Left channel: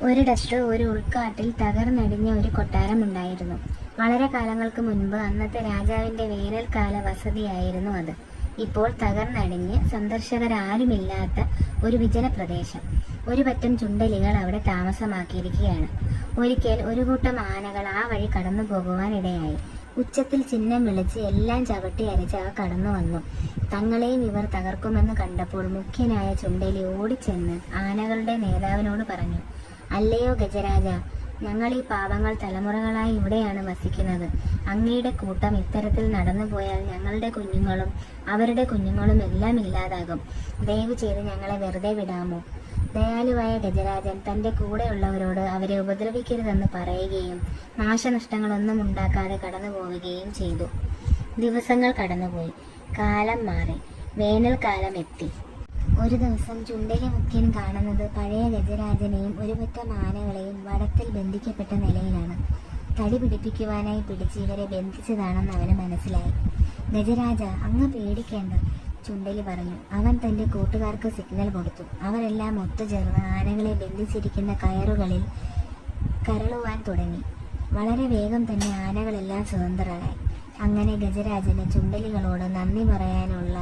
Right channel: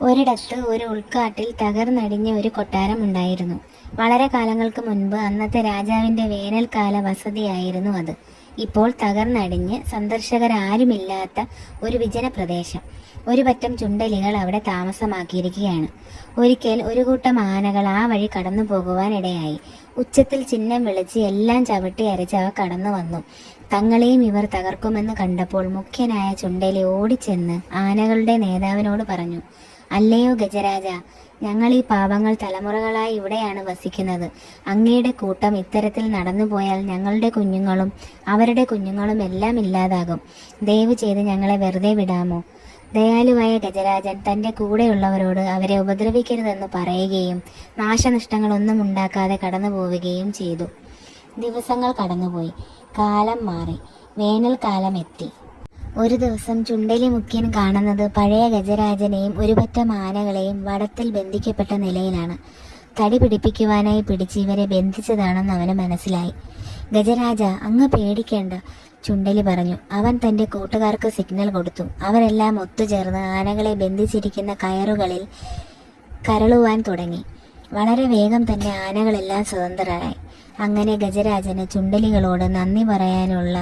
ഒരിടത്ത് ഒരു ഉൾക്കാട്ടിൽ തകർന്നടിഞ്ഞ ഒരു കൊട്ടാരം ഉണ്ടായിരുന്നു. വളരെ കാലങ്ങൾക്ക് മുൻപ് അന്നത്തെ രാജാവിന്റെ വേനൽക്കാല വസതിയായിരുന്നു അത്. ഇപ്പോൾ തകർന്നടിഞ്ഞ് സന്ദർശകരാരുമില്ലാത്ത ഒരു വിജന പ്രദേശം. ഒരു പറ്റം ചുണ്ടലികൾ അവിടെ താമസമാക്കിയിരിക്കുകയാണ്. ഒരിക്കൽ ഒരു കൂട്ടം ആനകൾ ആ വഴി കടന്നു പോകുവാൻ ഇടയായി. ഉച്ചത്തിൽ ചിഹ്നം വിളിച്ച് എല്ലാം ചവിട്ടി അരച്ച് അവ കടന്നു വന്നു. തങ്ങളെയും ഇവർ തകർക്കുമെന്ന് കണ്ടപ്പോൾ മുഖ്യനായ ചുണ്ടലി ഓടിച്ചെന്ന് ആനകളുടെ നേതാവിനോട് പറഞ്ഞു, "അല്ലയോ ഗജരാജ, ഞങ്ങൾ ഈ പാവങ്ങൾ തലമുറകളായി ഇവിടെയാണ് വസിക്കുന്നത്. അങ്ങയുടെ കൂട്ടം ഇത്തരത്തിൽ നടന്നു പോയാൽ ഞങ്ങളുടെ കുഞ്ഞുങ്ങളും അവരുടെ കുഞ്ഞുങ്ങളും എല്ലാം ഇല്ലാതാകും. ദയവ് ചെയ്ത് ഞങ്ങളെ വെറുതെ വിടാമോ?" ദയാലുവായ ഗജരാജൻ തൻ്റെ കൂടെയുള്ളവരോട് അവരെ ഉപദ്രവിക്കരുതെന്ന് പറയുകയും നാശനഷ്ടങ്ങളൊന്നും ഉണ്ടാക്കാതെ കടന്നു പോവുകയും ചെയ്തു. ദിവസങ്ങൾ കടന്നുപോയി. കാലം മാറി. വേനൽക്കാലം എത്തി. ഒരു ദിവസം ചുണ്ടലി മുഖ്യൻ കാണുന്നത് പഴയ ഗജരാജനെയും ഒരു പറ്റം ആനകളെയും വടത്തിൽ ബന്ധിക്കപ്പെട്ട നിലയിലാണ്. തടി പിടിപ്പിക്കുവാനായി പിടിച്ച് ഇവരെ ബന്ധിച്ചതാണെന്ന് അവന് മനസ്സിലായി. "ഗജരാജ, അങ്ങ് പേടിക്കേണ്ട," ചുണ്ടലി പറഞ്ഞു. അവൻ തൻ്റെ കൂട്ടുകാർക്ക് സിഗ്നൽ കൊടുത്തു. അവരെല്ലാം ഒത്തുചേർന്ന് ആനകളെ ബന്ധിച്ചിരിക്കുന്ന കയറുകളിൽ കരളുവാൻ തുടങ്ങി. വളരെ വേഗം തന്നെ ആനകളെല്ലാം സ്വതന്ത്രരായി. അങ്ങനെ ഗജരാജന് ചുണ്ടലികളോട് നന്ദി പറയാനുള്ള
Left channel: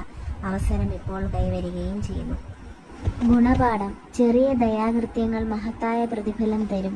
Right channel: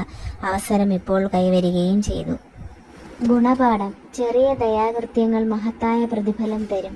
അവസരം ഇപ്പോൾ കൈവരികയും ചെയ്തു. ഗുണപാഠം: ചെറിയ ദയാകൃത്യങ്ങൾ മഹത്തായ പ്രതിഫലം തരും.